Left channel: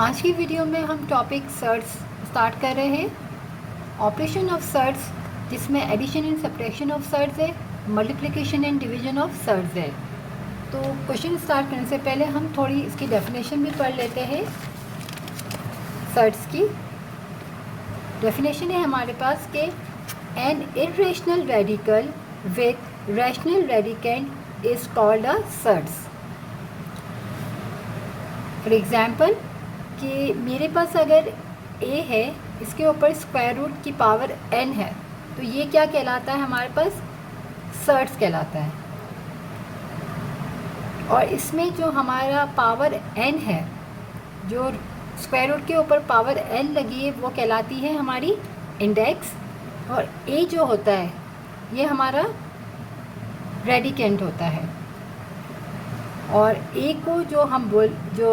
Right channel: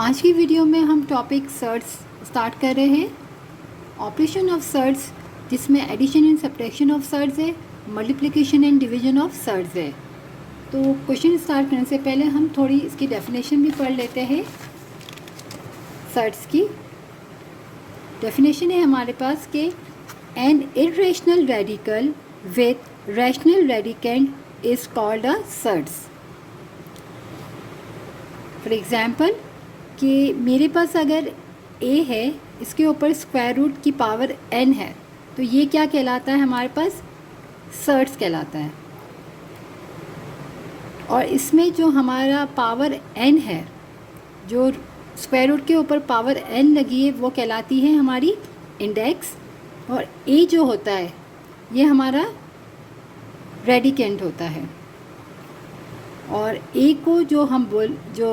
आज की वीडियो में हम टॉपिक सर्ट्स स्टार्ट कर रहे हैं। ऑपरेशन ऑफ सर्ट्स, जिसमें addition and subtraction of surds है, multiplication and division of surds है। तो क्वेश्चन स्टार्ट करने से पहले हम थोड़ी इसकी डेफिनेशन भी पढ़ लेते हैं। सर्ट्स की डेफिनेशन है हमारे पास कि an irrational radical with rational radicand is called a surds. For example कि मेरे पास अगर a है, इसके ऊपर स्क्वायर रूट की पावर n है, तो ये क्या कहलाता है? हमारे पास सर्ट्स कहलाता है। और इसमें जो हमारा पावर n है, जो स्क्वायर रूट के ऊपर पावर n लगी है, वो कहलाती है हमारी इंडेक्स। और a जो होता है, ये हमारा रेडिकेंट होता है। और a को जो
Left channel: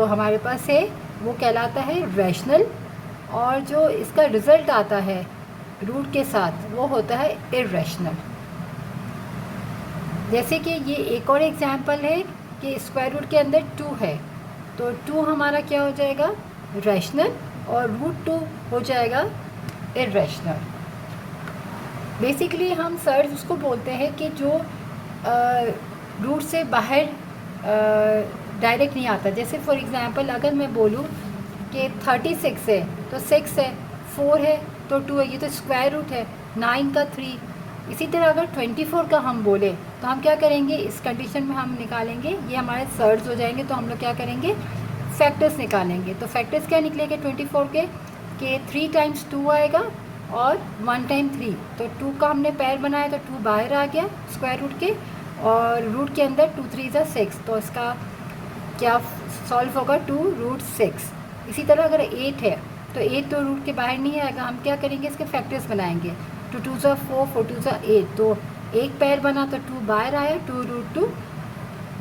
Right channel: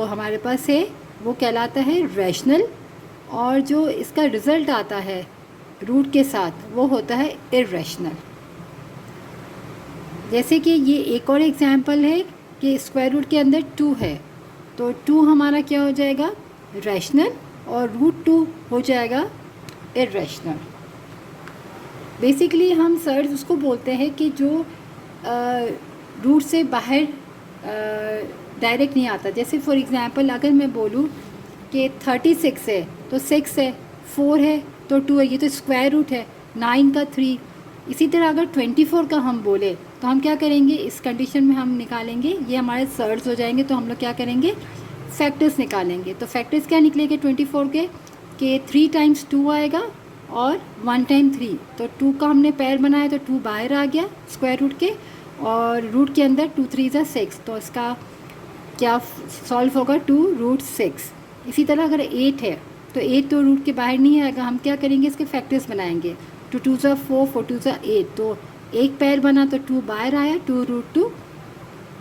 हमारे पास है, वो कहलाता है रैशनल। और जो इसका रिज़ल्ट आता है रूट के साथ, वो होता है इर्रेशनल। जैसे कि ये एक और एग्जांपल है कि स्क्वायर रूट के अंदर 2 है, तो 2 हमारा क्या हो जाएगा? रैशनल। और रूट 2 हो जाएगा इर्रेशनल। बेसिकली हम सर्ट्स उसको बोलते हैं कि जो रूट से बाहर डायरेक्ट नहीं आता। जैसे फॉर एग्ज़ाम्पल अगर मैं बोलूँ कि 36 है तो 6 है, 4 है तो 2 है, ये तो स्क्वायर रूट है, 9 का 3। इसी तरह अगर 24 का हम बोले तो हम क्या करेंगे? इस कंडीशन में हम निकालेंगे, ये हमारे सर्ट्स हो जाएंगे। तो हम लोग क्या करेंगे? फैक्टर्स निकालेंगे। तो फैक्टर्स क्या निकलेंगे 24 के 3 टाइम्स 2 आएगा और 1 टाइम 3। तो 2 का हमने पैर बनाया तो 2 बाहर आ गया स्क्वायर रूट के, और रूट के अंदर 2 3 6। तो इसका क्या सॉल्व होगा? 2 रूट 6। इसी तरह अगर 8 है तो 8 तो रूट के बाहर नहीं आएगा। हम क्या करेंगे? इसके फैक्टर्स बनाएंगे। 2 2 4, 4 2 8। तो एक पैर बना तो 2 बाहर आया, 2 रूट 2।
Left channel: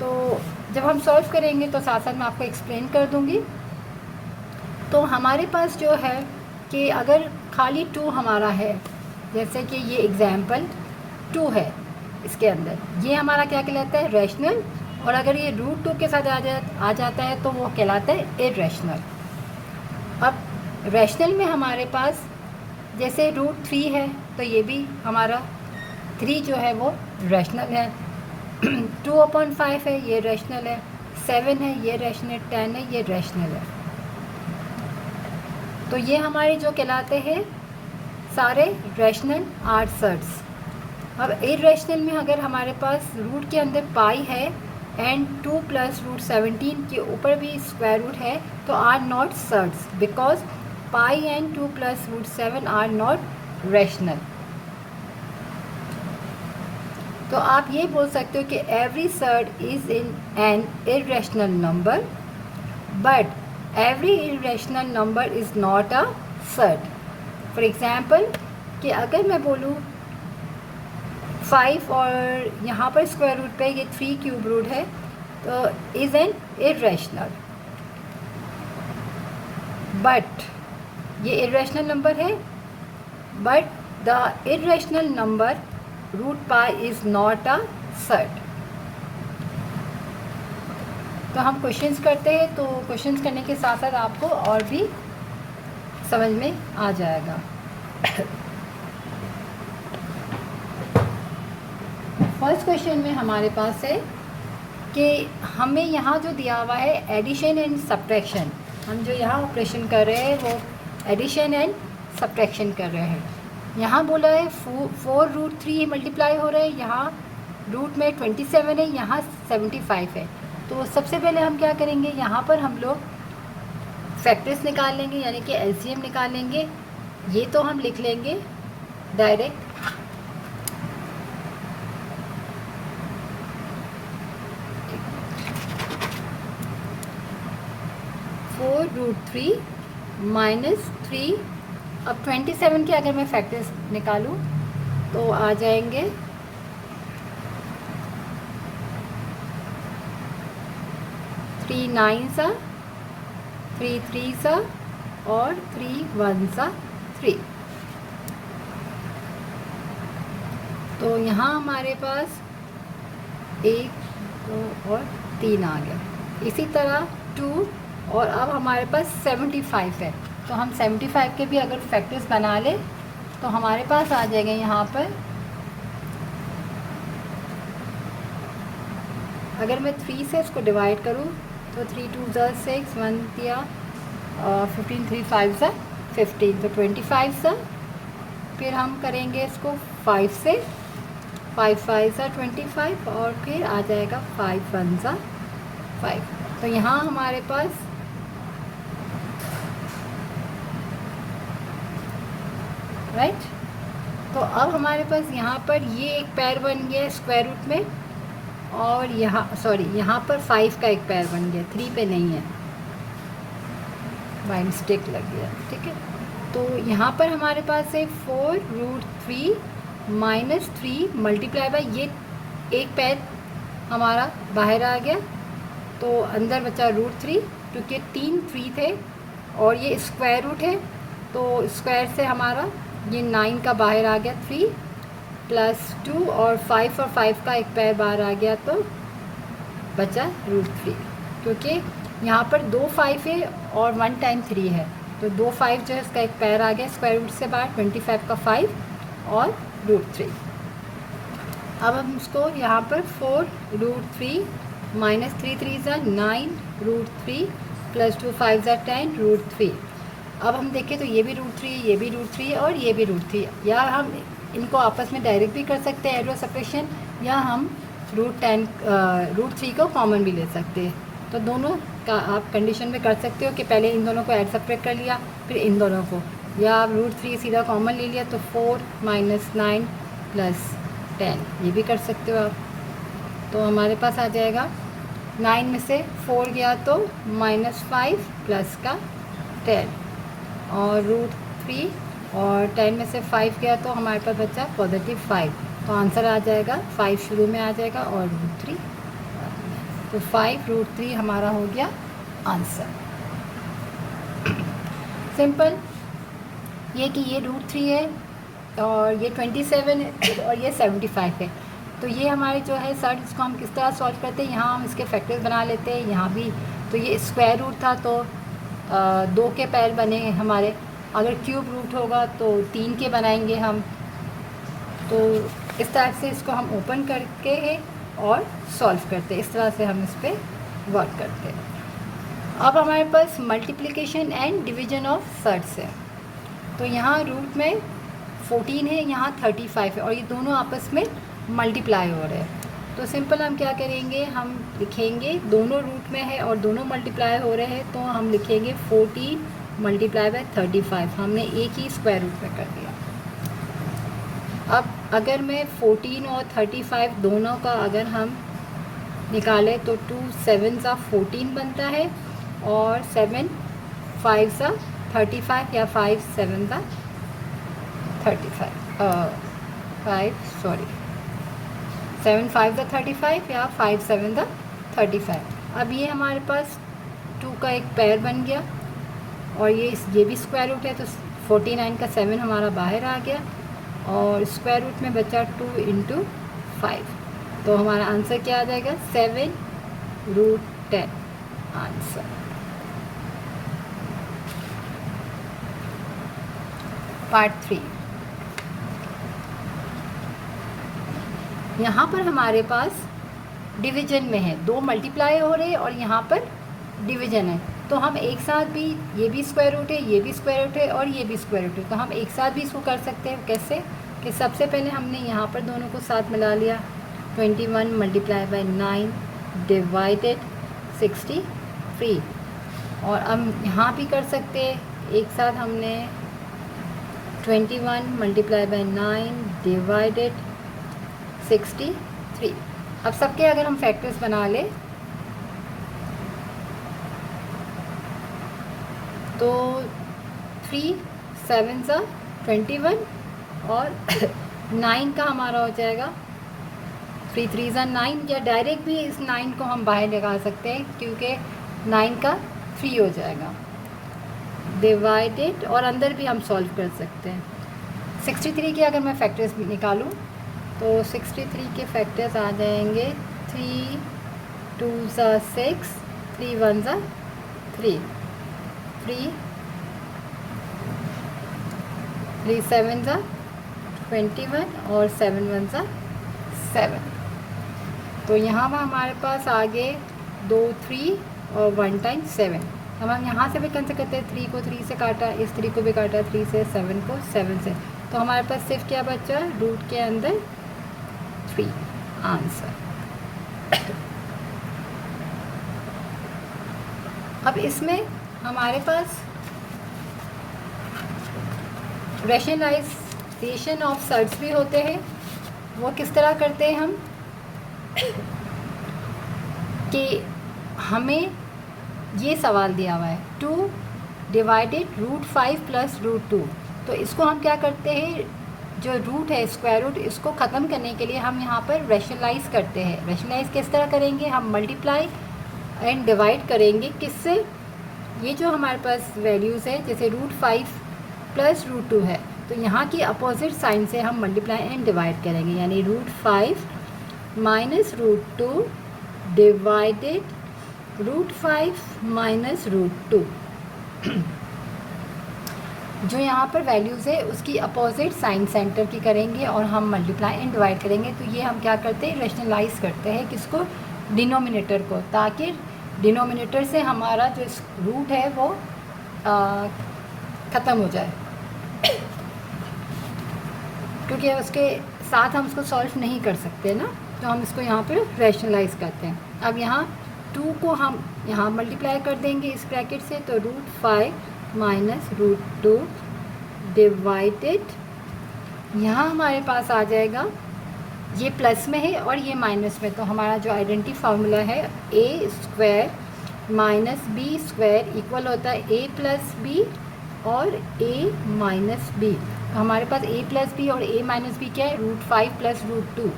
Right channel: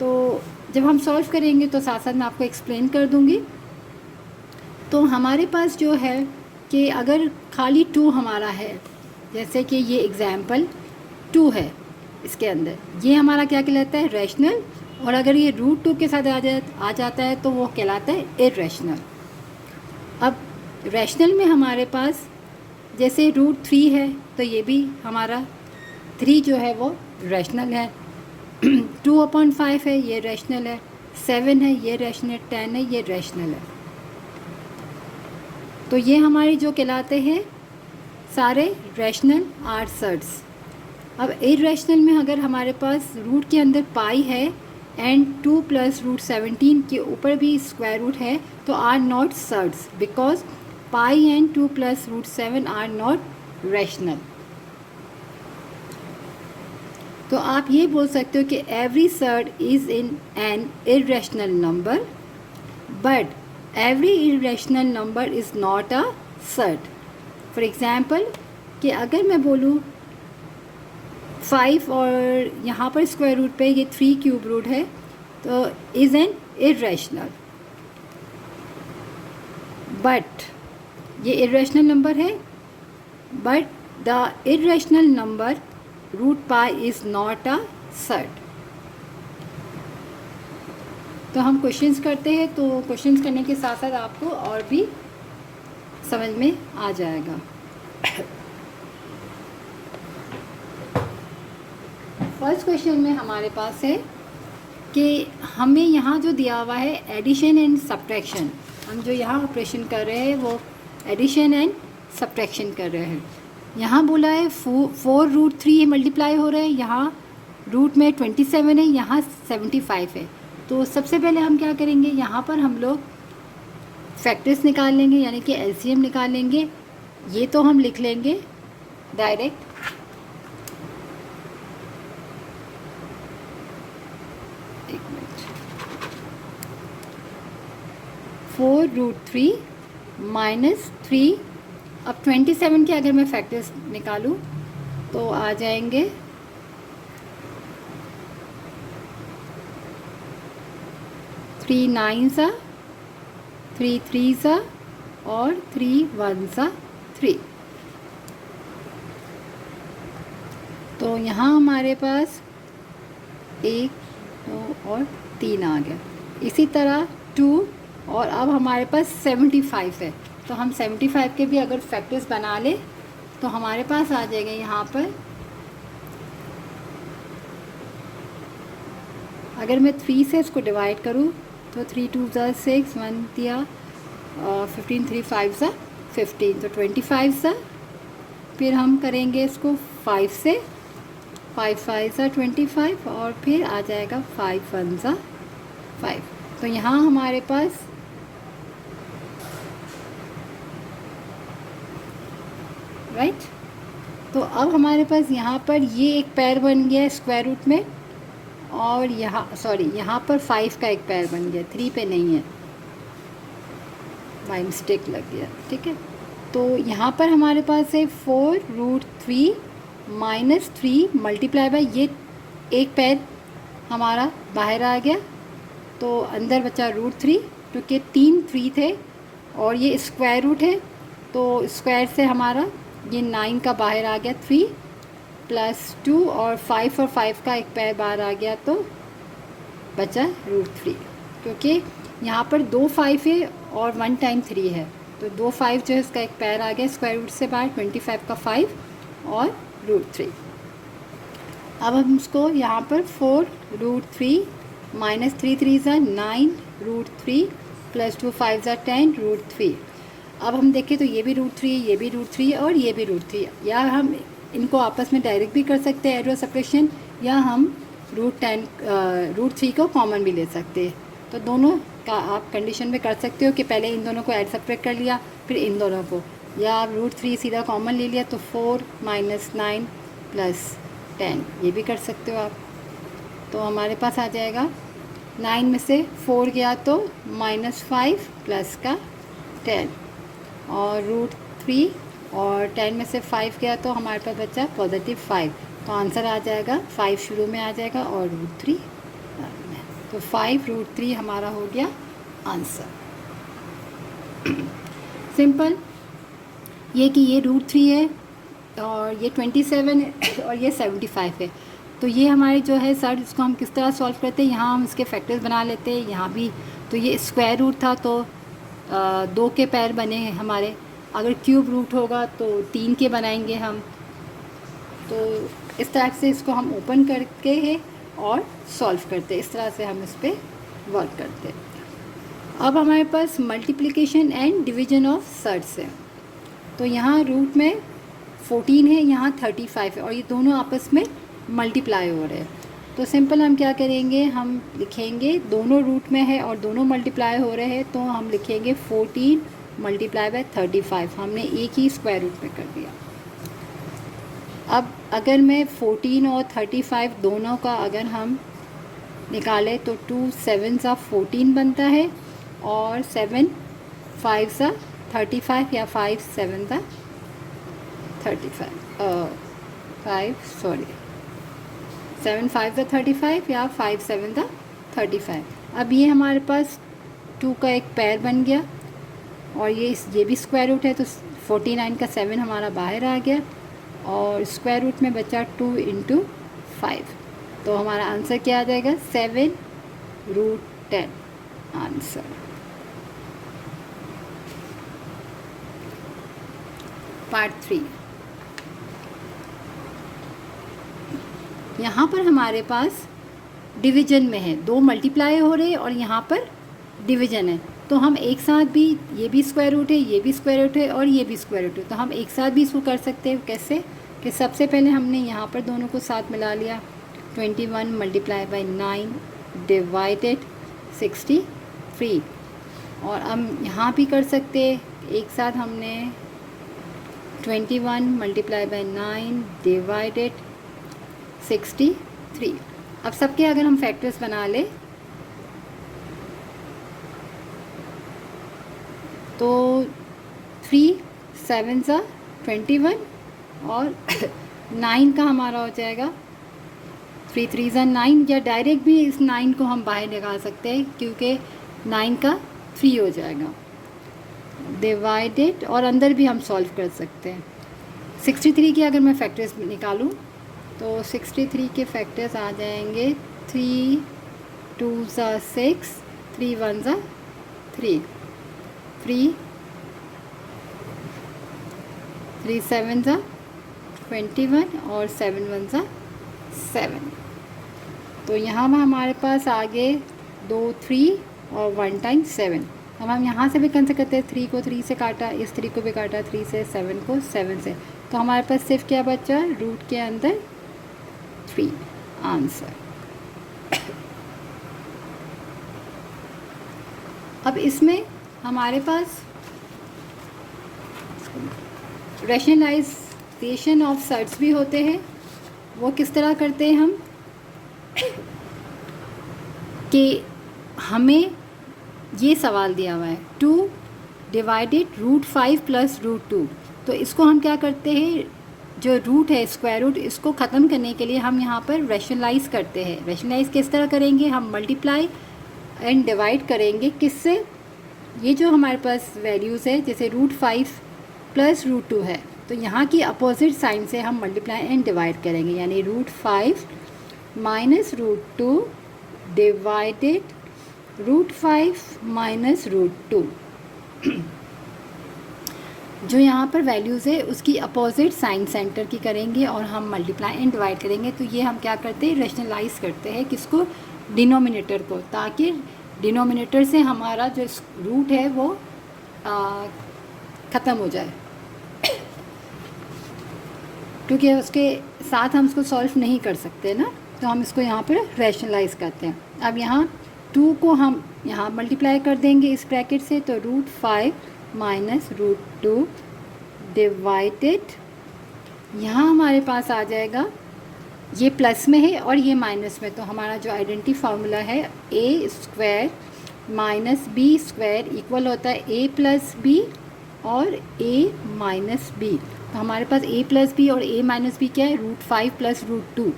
तो जब हम सॉल्व करेंगे तो साथ साथ मैं आपको एक्सप्लेन कर दूँगी। तो हमारे पास जो है कि अगर खाली 2 हमारा है, जैसे कि ये एग्ज़ाम्पल 2 है, इसके अंदर ये हमारा क्या कहलाता है? रैशनल। और अगर ये रूट 2 के साथ आ जाता है तो वो कहलाता है इर्रेशनल। अब रैशनल में हमारे पास जैसे रूट 3 है, तो ये भी हमारा 3 जो है वो रैशनल है। 2/5 है, ये रैशनल है। 7 है, ये रैशनल। 10 है, ये रैशनल है। तो ये हमारे जो कहलाते हैं सारे रैशनल आर सर्ट्स। अब इर्रेशनल में अगर हमारे पास रूट के अंदर पाई है एंड 2 प्लस रूट 17 के ऊपर भी स्क्वायर रूट है, तो are not surds, because pi and 2 plus root 7 are not rational. तो आप ये बोल सकते हो कि every surd is in an irrational number, but every irrational number is not a surd. For example कि अगर मैं बोलूँ 5 और यहाँ पर स्क्वायर रूट पे ये 3 क्यूब रूट है, तो इज़ एन इर्रेशनल। बट ये इर्रेशनल नंबर है, but the irrational number root pi is not a surd. तो हम क्वेश्चंस करते हैं, तो क्वेश्चंस करने के साथ साथ आपको और भी समझ में आ जाएगा। फर्स्ट क्वेश्चन में हमारे पास है कि हमें यहाँ जो दिया हुआ है एडिशन एंड सब्ट्रैक्शन, हम जो यहाँ ऑपरेशन कर रहे हैं वो एडिशन एंड सब्ट्रैक्शन कर रहे हैं। यहाँ बोला है 4 रूट 3 मल्टीप्लाई हो रहे हैं, यहाँ रूट में 27 है, यहाँ 75 है। तो सबसे पहले हम क्या करेंगे? यहाँ पर हम लोग फैक्टर्स निकाल लेंगे, यानी कि एलसीएम निकाल लेंगे। ये तो हम लिख लेंगे डायरेक्ट। 4 root 3 minus 3। अब 27 के अगर मैं फैक्टर्स निकालूं तो आ जाएंगे 3 9 सा, 3 3 सा और 3 1 सा 3। तो यहाँ हमारे पास 1 2 और 3 आ गया। इसी तरह 2 और अब हमारे पास 75 है, तो हम 75 के भी अगर फैक्टर्स बना ले तो हमारे पास आ जाएंगे यहाँ पर, अगर मैं 3 से इसको डिवाइड करूँ तो 3 2 ज़ा 6, 1 दिया 15, 3 5 ज़ा 15, तो 25 ज़ा, फिर हम करेंगे इसको 5 से, 5 5 ज़ा 25, और फिर आ जाएगा 5 1 ज़ा 5। तो यहाँ हमारे पास राइट, तो अब हमारे पास यहाँ पर ये एक पैर बन गया स्क्वायर रूट में, और यहाँ यहाँ पर 5 का एक पैर बन गया, 3 पे नहीं है, बाई मिस्टेक लग गया, ठीक है। तो यहाँ पर हमारे पास है 4√3 माइनस 3 मल्टीप्लाई बाई, ये एक पैर हमारा बाहर आ गया, तो अंदर बचा √3, क्योंकि 3 थे और ये स्क्वायर रूट है, तो स्क्वायर से हमारा ये 9 का बाहर आ गया 3 प्लस 2, और 5 का एक पैर बाहर आ गया, तो बचा √3, क्योंकि यहाँ पर 2 5 है और 1 टाइम 3 है, तो 2 5 जो है इसका एक पैर आ गया स्क्वायर रूट से बाहर, 25 का 5 और √3। अब हम इसको यहाँ पर 4√3 माइनस 3 3 ज़ा 9 √3 प्लस 2 5 ज़ा 10 √3। अब हम देखें तो ये भी √3, ये भी √3 और ये भी √3, या हम इनको आपस में डायरेक्ट भी कर सकते हैं एड और सब्ट्रैक्शन, या हम √3 को कॉमन भी ले सकते हैं। तो दोनों का आप कंडीशन में कर सकते हो कि पहले इन दोनों को ऐड सब्ट्रैक्ट कर लिया, फिर इन दोनों को, या आप √3 सीधा कॉमन ले लिया, तो 4 माइनस 9 प्लस 10, ये भी कर सकते हो आप। तो हमारे पास आ जाएगा 9 में से 4 गया तो -5 प्लस का 10, और √3, और 10 में से 5 गया तो हमारे पास बचा +5, तो आंसर आ जाएगा 5 शुरू में आ जाएगा और √3, तो 5√3 हमारा हो गया आंसर। सिंपल ये कि ये √3 है और ये 27 है और ये 75 है, तो ये हमारे जो है सर इसको हम किस तरह सॉल्व करते हैं, यहाँ हम इसके फैक्टर्स बना लेते हैं। यहाँ भी तो ये स्क्वायर रूट था, तो 2 के पैर बने हैं हमारे, अगर क्यूब रूट होगा तो 3 के बनाएंगे हम। तो इस तरह से इसको हम ओपन करके है और सॉल्व करते हैं, इस तरह से हम इस पर वर्क करते हैं। अब हमारे पास multiplication and division of surds है, तो यहाँ रूट में 14 है, यहाँ 35 है, और ये दोनों आपस में मल्टीप्लाई हो रहे हैं। तो सिंपल हम क्या करेंगे, हम लिखेंगे दोनों रूट में है और दोनों मल्टीप्लाई हो रहे हैं, तो हम लिखेंगे 14 मल्टीप्लाई बाय 35, हमने एक ही स्क्वायर रूट में कर दिया। अब अगर मैं 14 और 35 दोनों का अगर हम निकालें तो 2 7 सा 14 बनता है, और 7 5 सा 35, या 5 7 सा 7 5 सा 35, या 5 7 सा 35। अब ये हमारे पास 2 का एक पैर बन गया, और ये भी स्क्वायर रूट है, तो 49 का 7 हमारा बाहर आ गया, और स्क्वायर रूट में बचा 2 × 5, तो हमारा आंसर क्या आ जाएगा 7√10 आंसर। पार्ट 3, यहाँ पर हमारे पास डिवीजन में है, 2 मल्टीप्लाई हो रहे हैं और यहाँ पर डिवीजन है, तो हम एक साथ भी, ये भी स्क्वायर रूट है, ये भी स्क्वायर रूट है और ये भी स्क्वायर रूट है, तो हम एक साथ भी इसको कर सकते हैं। कैसे कि सबसे पहले हमने यहाँ पर दोनों को साथ मिला लिया, 21 मल्टीप्लाई बाई 9 डिवाइडेड 63, और अब यहाँ भी कर सकते हैं एक साथ, हमने 21 मल्टीप्लाई बाई 9 डिवाइडेड 63। अब सबके अगर हम फैक्टर्स बना लें तो 3 7 सा 21, और 9 का हमारा हो जाएगा 3 3 सा 9, या डायरेक्ट भी इस 9 को हम बाहर निकाल सकते हैं, क्योंकि 9 का 3 हो जाएगा डिवाइडेड, और अंदर भी हम सॉल्व कर सकते हैं। 63 के अगर मैं फैक्टर्स निकालूं तो 63 के फैक्टर्स आ जाएंगे 3 2 सा 6, 3 1 सा 3 3 3 7 ज़ा 21 और 7 1 ज़ा 7। तो यहाँ पर हमारे पास आगे 2 3 और 1 टाइम्स 7। अब हम यहाँ से भी कर सकते हैं, 3 को 3 से काटा, इस 3 को भी काटा 3 से, 7 को 7 से, तो हमारे पास सिर्फ क्या बचा, रूट के अंदर 3 आंसर। अब इसमें हमारे पास रैशनलाइजेशन ऑफ सर्ट्स भी होते हैं। वो किस तरह करते हैं हम कि हमें ये सवाल दिया हुआ है 2 डिवाइडेड रूट 5 प्लस रूट 2। तो इसको हम क्या करते हैं, जो रूट है स्क्वायर रूट, इसको ख़त्म करने के लिए हम यहाँ पर रैशनलाइज करते हैं। रैशनलाइज किस तरह करेंगे, हम मल्टीप्लाई एंड डिवाइड करेंगे किससे, ये जो हमारे पास वैल्यूज़ है जैसे रूट 5 प्लस रूट 2 है, तो यहाँ की अपोजिट साइन से हम मल्टीप्लाई एंड डिवाइड करेंगे, यानी root 5 minus root 2 divided root 5 minus root 2। जो यहाँ पर वैल्यूज़ है उसकी अपोजिट साइन सेंटर की करेंगे और हम मल्टीप्लाई एंड डिवाइड करेंगे। तो ये हम क्या करते हैं, रैशनलाइज करते हैं किसको, डिनोमिनेटर को, ताकि डिनोमिनेटर से हमारा जो रूट है वो ख़त्म हो जाए, क्योंकि उसके साथ हम उसको सॉल्व नहीं कर सकते ना, तो हम इसको यहाँ पर रैशनलाइज करते हैं। अब यहाँ 2 को हम यहाँ मल्टीप्लाई कर देंगे इस ब्रैकेट से, तो रूट 5 माइनस रूट 2 डिवाइडेड, यहाँ हमारे पास आ जाएगा, ये प्लस में है और ये माइनस में, तो हमारा जो आइडेंटिटी फार्मूला है A square minus B square equal होता है ए प्लस बी और ए माइनस बी। हमारे पास ए प्लस बी और ए माइनस बी क्या है, रूट 5 प्लस रूट 2।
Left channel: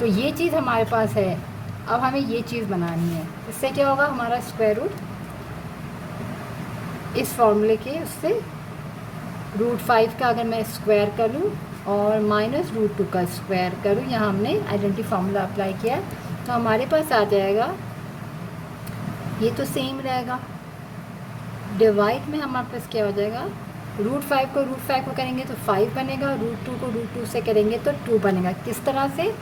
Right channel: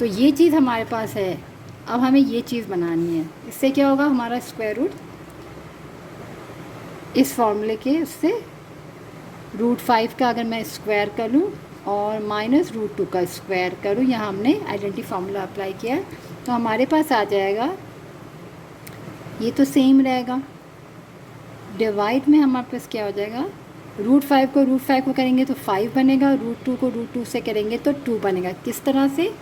तो ये चीज़ हमारे पास है। अब हमें ये चीज़ बनानी है, इससे क्या होगा, हमारा स्क्वायर रूट इस फॉर्मूले के उससे रूट 5 का अगर मैं स्क्वायर करूं और माइनस रूट 2 का स्क्वायर करूं, यहाँ हमने आइडेंटिटी फार्मूला अप्लाई किया, तो हमारे पास आ जाएगा, ये तो सेम रहेगा, डिवाइड में हमारे पास क्या हो जाएगा, रूट 5 को करेंगे तो 5 बनेगा, रूट 2 को रूट 2 से करेंगे तो 2 बनेगा। किस तरह से,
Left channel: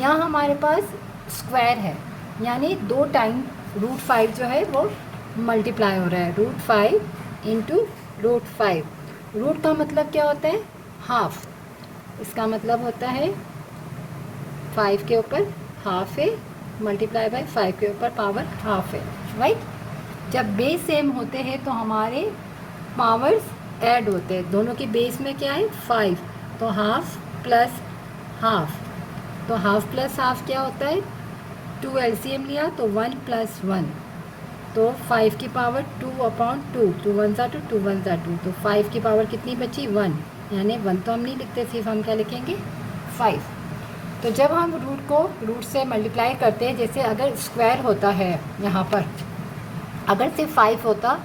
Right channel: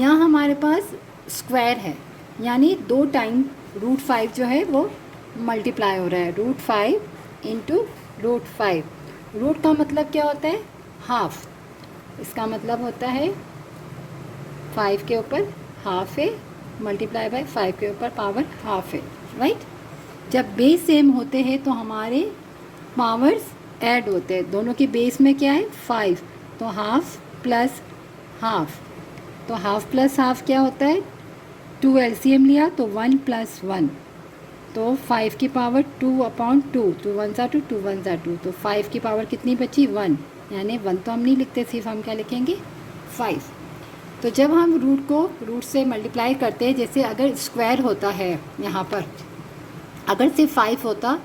यहाँ हमारे पास स्क्वायर है, यानी 2 टाइम रूट 5 जो है वो मल्टीप्लाई हो रहा है, रूट 5 इंटू रूट 5। रूट का मतलब क्या होता है, हाफ, इसका मतलब होता है 5 के ऊपर हाफ है मल्टीप्लाई बाय 5 के ऊपर पावर हाफ है, राइट। जब बेस सेम होते हैं तो हमारे पावर्स ऐड होते हैं, दोनों के बेस में क्या है 5, तो हाफ प्लस हाफ, तो हाफ प्लस हाफ क्या होता है, 2 एलसीएम लिया तो 1 प्लस 1, तो 5 की पावर 2/2, 2 1 ज़ा 2, 2 1 ज़ा 2, तो 5 की पावर कितनी बची 1, यानी 1 तो हम नहीं लिखते, सिर्फ हम क्या लिखेंगे 5। तो जब हम रूट को रूट से मल्टीप्लाई करते हैं, जैसे अगर स्क्वायर होता है यहाँ पर, अगर सिर्फ 5 होता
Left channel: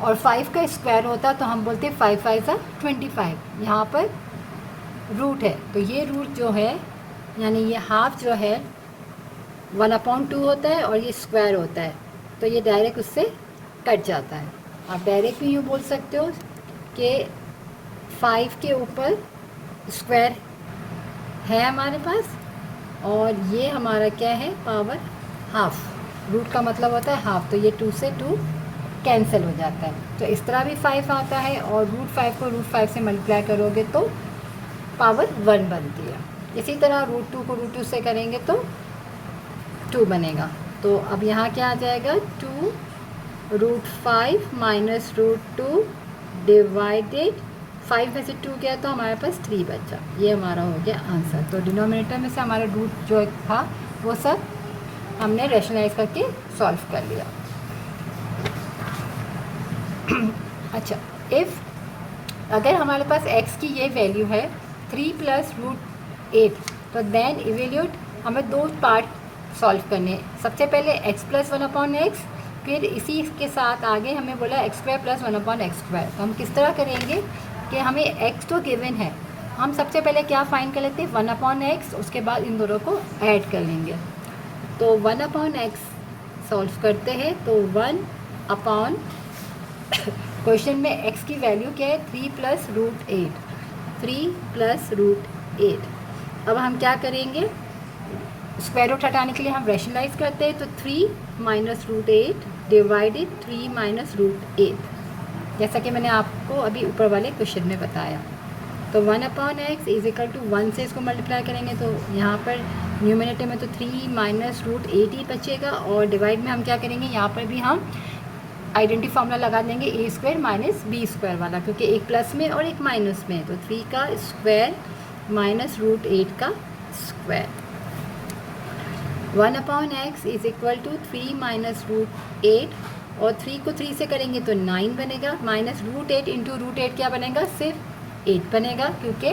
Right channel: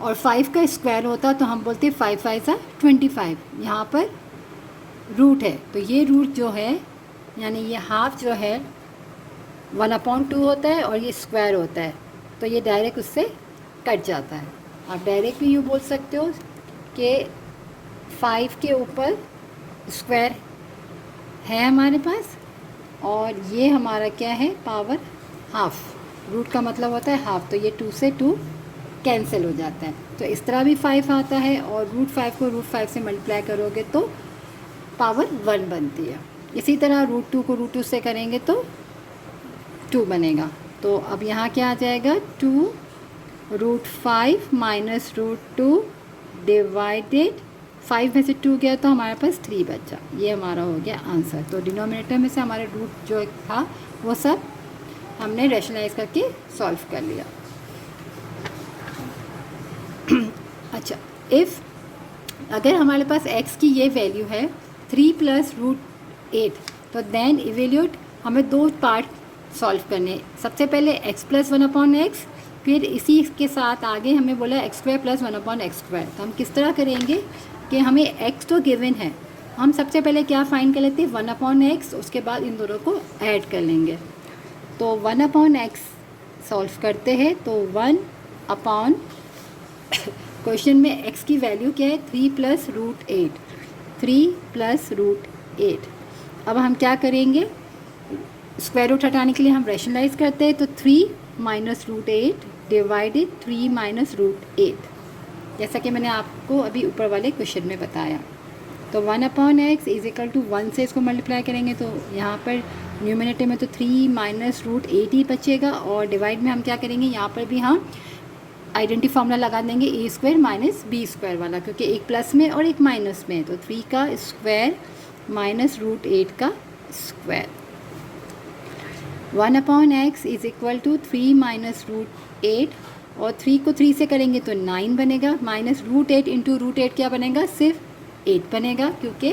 और 5 का स्क्वायर होता तो हम बोलते 5 5 ज़ा 25, यहाँ पर रूट है तो ये रूट जो है, यानी ये हाफ जो है 1/2 होता है और ये स्क्वायर होता है, तो ये डायरेक्ट उससे कट जाता है। आप डायरेक्ट भी यूँ बोल सकते हो कि 5 के ऊपर स्क्वायर है हमारे पास और ये हमारा क्या है पावर हाफ, रूट का मतलब होता है हाफ, तो ये 2 से 2 कैंसिल हो जाता है। तो इस तरह भी 5 आता है और रूट 5 को रूट 5 से मल्टीप्लाई करोगे तो पावर 1 बनती है। इसी तरह रूट 2 को रूट 2 से करेंगे तो 2 बनेगा। तो अब यहाँ क्या आ जाएगा 2 रूट 5 माइनस रूट 2 डिवाइडेड 5 में से 2 गया तो हमारे पास 3 बचा, ये हमारा हो गया आंसर। तो डिनोमिनेटर में से हमारे रूट जो था वो सब हमने रैशनलाइज करके सॉल्व कर लिया। अच्छा, इफ़ अगर हमारे पास x की ये वैल्यू है 3 प्लस रूट 8, तो देन इवेल्यूट हमें 2 पार्ट सॉल्व करने। सबसे पहले x प्लस 1/x, फिर इसी के साथ आगे हमें बोला x² प्लस 1/x²। तो हम किस तरह करेंगे कि हमें x तो गिवन है, हम सबसे पहले क्या फाइंड कर लेते हैं 1/x, उसके बाद इन दोनों को ऐड कर लेंगे। तो 1/x सॉल्व करते हैं तो 1 अपॉन क्वेश्चन में x की वैल्यू क्या है 3 + √8, 3 + √8। अब हम क्या करेंगे, स्क्वायर रूट हटाने के लिए हम रैशनलाइज करते हैं, तो 3 - √8 डिवाइडेड 3 - √8, जैसा कि मैंने आपको अभी ऊपर वाले क्वेश्चन में बताया। तो 1/x इज इक्वल टू 1 से इसको मल्टीप्लाई करेंगे तो यहाँ पर न्यूमिनेटर में तो 3 - √8 ही बचेगा, और डिवाइड में हम क्या करेंगे, यहाँ पर भी हम आइडेंटिटी फार्मूला लगा देंगे a² - b² वाला, क्योंकि एक प्लस में और एक माइनस में है, तो 3 का स्क्वायर - √8 का square. 1/x is equal to 3 - √8, और 3 को 3 से करेंगे तो 9 बनेगा, माइनस √8 इंटू √8 क्या बनेगा, सिर्फ 8 बनेगा, क्योंकि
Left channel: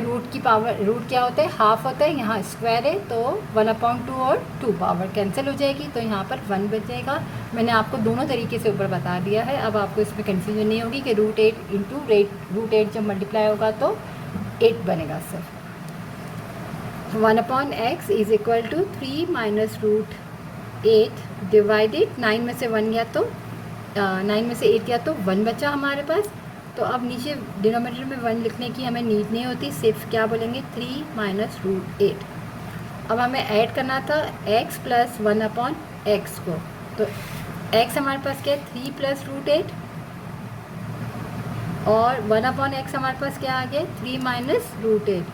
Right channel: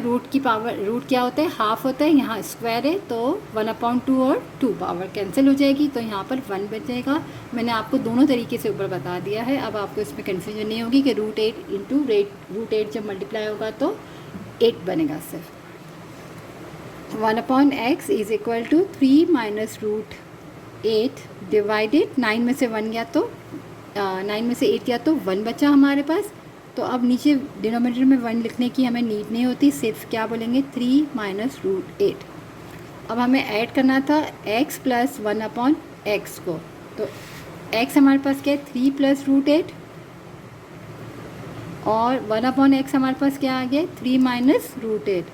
रूट की पावर, रूट क्या होता है, हाफ होता है, यहाँ स्क्वायर है, तो 1/2 और 2 पावर कैंसिल हो जाएगी, तो यहाँ पर 1 बचेगा। मैंने आपको दोनों तरीके से ऊपर बता दिया है, अब आपको इसमें कन्फ्यूजन नहीं होगी कि √8 इंटू √8 जब मल्टीप्लाई होगा तो 8 बनेगा सिर्फ। 1/x is equal to 3 - √8 divided 9 में से 1 गया तो 9 में से 8 गया तो 1 बचा हमारे पास। तो अब नीचे डिनोमिनेटर में 1 लिखने की हमें नीड नहीं होती, सिर्फ क्या बोलेंगे 3 - √8। अब हमें ऐड करना था x + 1/x को, तो x हमारे पास क्या है 3 + √8, और 1/x हमारे पास क्या आ गया 3 - √8,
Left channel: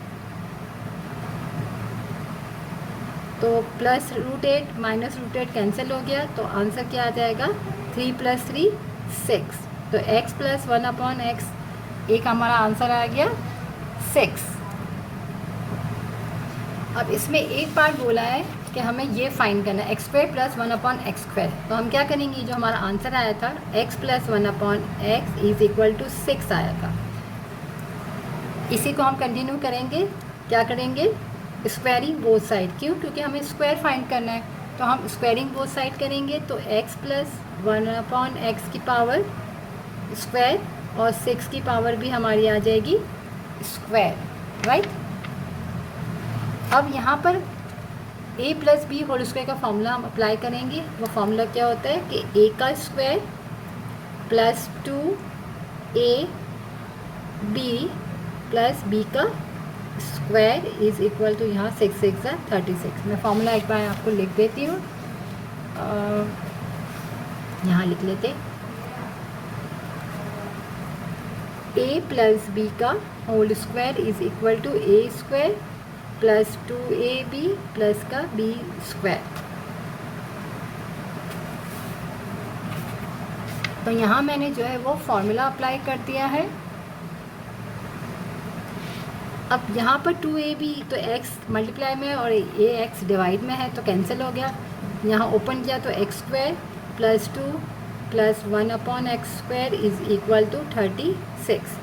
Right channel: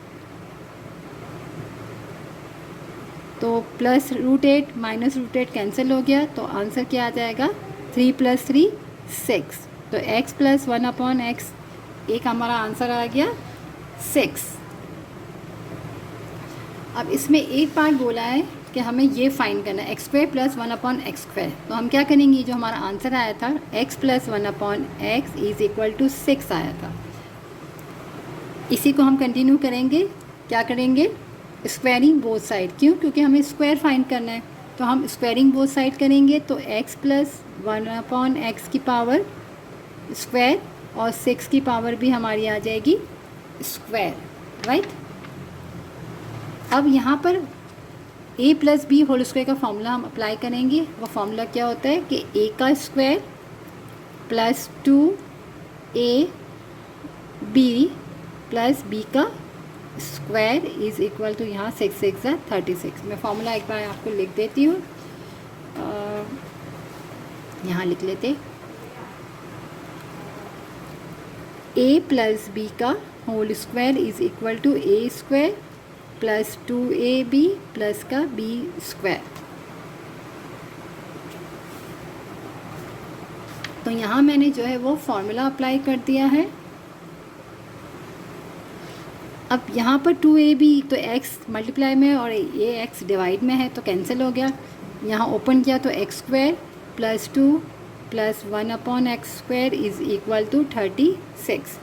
तो प्लस √8 माइनस √8 कैंसिल हो गया, तो आंसर क्या आ जाएगा 3 + 3 6, तो x + 1/x एक हमारा आंसर आ गया 6। अब इसमें एक पार्ट बोला है कि हमें ये फाइंड करना है x² + 1/x², तो हम क्या करेंगे, जो हमारा आंसर आया था x + 1/x is equal to 6 आया था, इसी को हम कंटिन्यू करेंगे। क्या करेंगे, स्क्वायरिंग बोथ साइड, क्यों, क्योंकि हमें स्क्वायर फाइंड करना है, तो हम स्क्वायरिंग बोथ साइड करेंगे, तो x + 1/x की पावर स्क्वायर और 6 की पावर भी हमारी आ जाएगी स्क्वायर, राइट। अब यहाँ पर a + b होल स्क्वायर का फॉर्मूला हम अप्लाई करेंगे। वो फॉर्मूला क्या होता है कि a का स्क्वायर + 2ab + b का स्क्वायर इज इक्वल टू, यहाँ 6 × 6 = 36। मैं फॉर्मूला एक बार आपको लिख देती हूँ, यहाँ लिख लेते, a + b का whole square is equal to a² + 2ab + का b²। तो यहाँ मैंने जो है वो फॉर्मूला अप्लाई कर दिया है। अब यहाँ पर 2ab तो x मल्टीप्लाई में और ax डिवाइड में है, तो कैंसिल हो गया। यहाँ ओपन किया तो x² + 2 + 1/x² is equal to 36।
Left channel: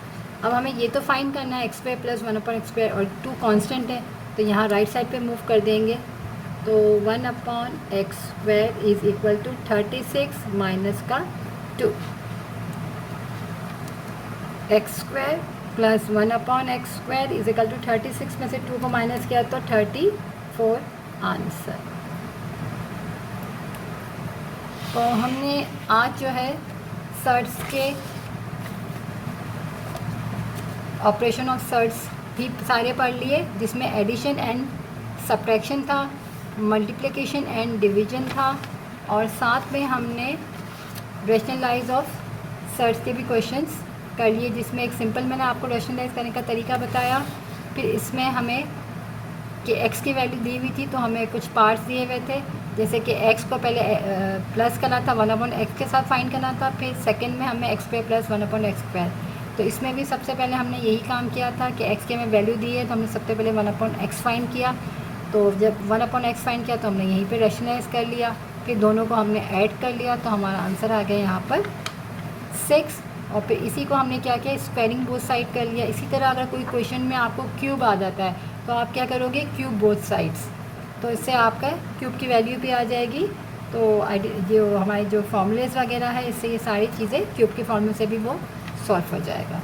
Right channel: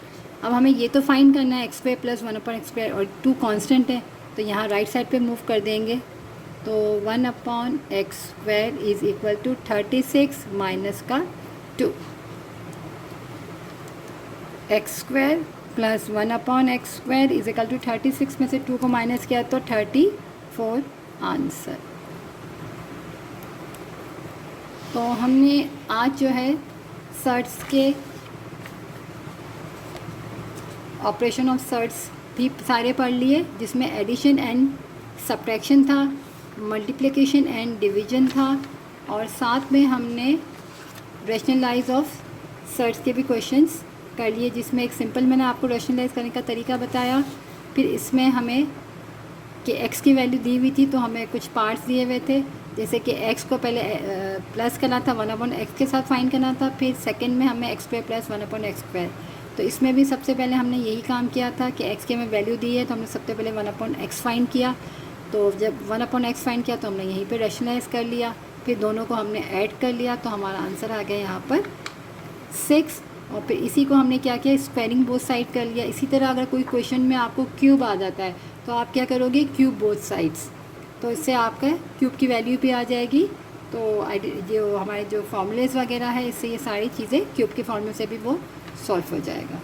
अब हमें ये तो फाइंड करना है x² + 1/x², और 2 कांस्टेंट है, तो यहाँ राइट साइड पे मूव कर देंगे, तो 1/x² is equal to 36 minus का 2, x² + 1/x² is equal to 36 में से 2 को माइनस किया तो 34 आंसर। तो हमने आज जो है सर्ट्स के ऑपरेशन ऑफ सर्ट्स भी सारे पढ़ लिए, जिसमें एडिशन एंड सब्ट्रैक्शन था, मल्टीप्लिकेशन एंड डिवीजन था, और साथ में हमने रैशनलाइज ऑफ सर्ट्स के भी क्वेश्चंस कर लिए, जिसमें एक सिंपल मैंने आपको रैशनलाइज करने का तरीका बताया। फिर इसमें हमें कि x की वैल्यू दी हुई थी, तो हमें कुछ पार्ट्स दिए हुए थे, जैसे कि x को पहले प्लस करना था 1/x के साथ फाइंड करना था, फिर सेकंड में हमें x² + 1/x²। तो इसमें भी सबसे पहले हमने यही काम किया था कि x की हमें वैल्यू दी है, तो हमने सबसे पहले 1/x फाइंड किया, तो जब 1/x फाइंड किया तो हमने यहीं पे रैशनलाइज कर लिया, फिर दोनों को हमने ऐड कर लिया, तो हमारा आंसर आ गया यहाँ पर 6। और फिर इसी को हमने क्या किया, स्क्वायरिंग बोथ साइड कर लिया। इसी तरह अगर कोई क्वेश्चन में आपको क्यूब आ जाता है, तो आप क्या करोगे, क्यूब बोथ साइड्स, तो इससे आपका क्यूब की वैल्यू भी आ जाएगी। तो जो हमारे जो फॉर्मूलेस वगैरह है, इससे ये सारी चीज़ें क्यूब के फॉर्मूले से भी वो सॉल्व हो जाएगा।